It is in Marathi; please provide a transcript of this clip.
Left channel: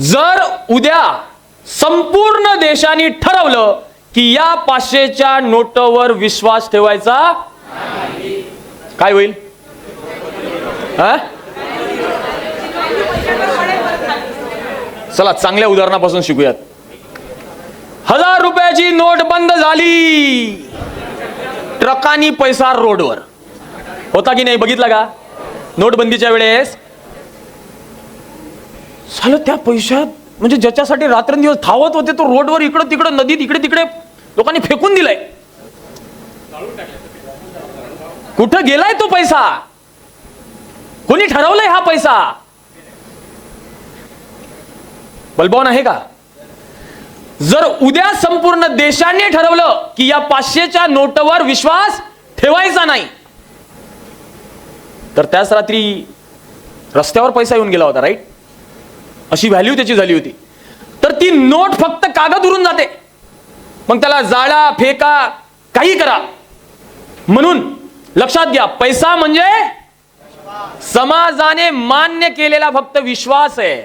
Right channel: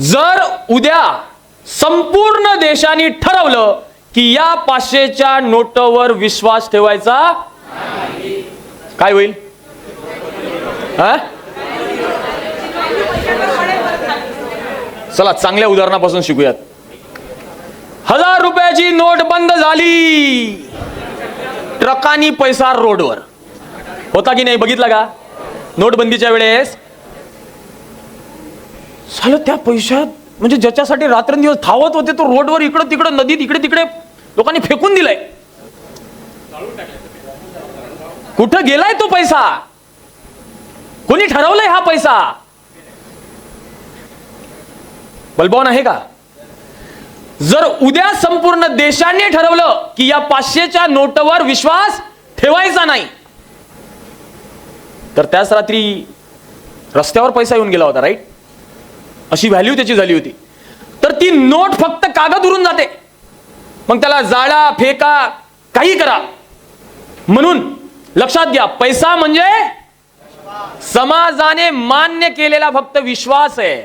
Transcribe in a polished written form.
जर उद्या संपूर्ण देशाने ठरवलं की या 500च्या नोटवर विश्वास ठेवायचा, काय होईल? चला चांगल्या उदाहरणापासून शिकूयात. 1000 रुपयाची नोट बंद झाली, ट्रकानी पैसा रोडवर होता की नाही बघितला का? नोटबंदीच्या वेळेस झालं त्या पैशात, म्हणजे ज्याच्यासाठी रात्रंदिवस धावत होते तो रोडवर इकडे तिकडे नदीत इकडे तिकडे लोकांनी फेकून दिलाय. कुठं गेलाय तो पैसा? कोणी ठरवलंय हा पैसा? बलबॉन आहे का? जर उद्या संपूर्ण देशाने ठरवलं की या 500च्या नोटवर विश्वास ठेवायचा नाही, तर त्याच रात्री रस्त्यावर पैसा येऊन गेला होता, राईट? अशी व्हॅल्यू त्याची झाली होती. तर ती नोट फक्त कागद उरून जाते, मग त्याला जाळा फेका काही करा. म्हणून लक्षात घ्या, पैसा म्हणजे समाजाने मान्य केलेला फक्त विश्वास आहे.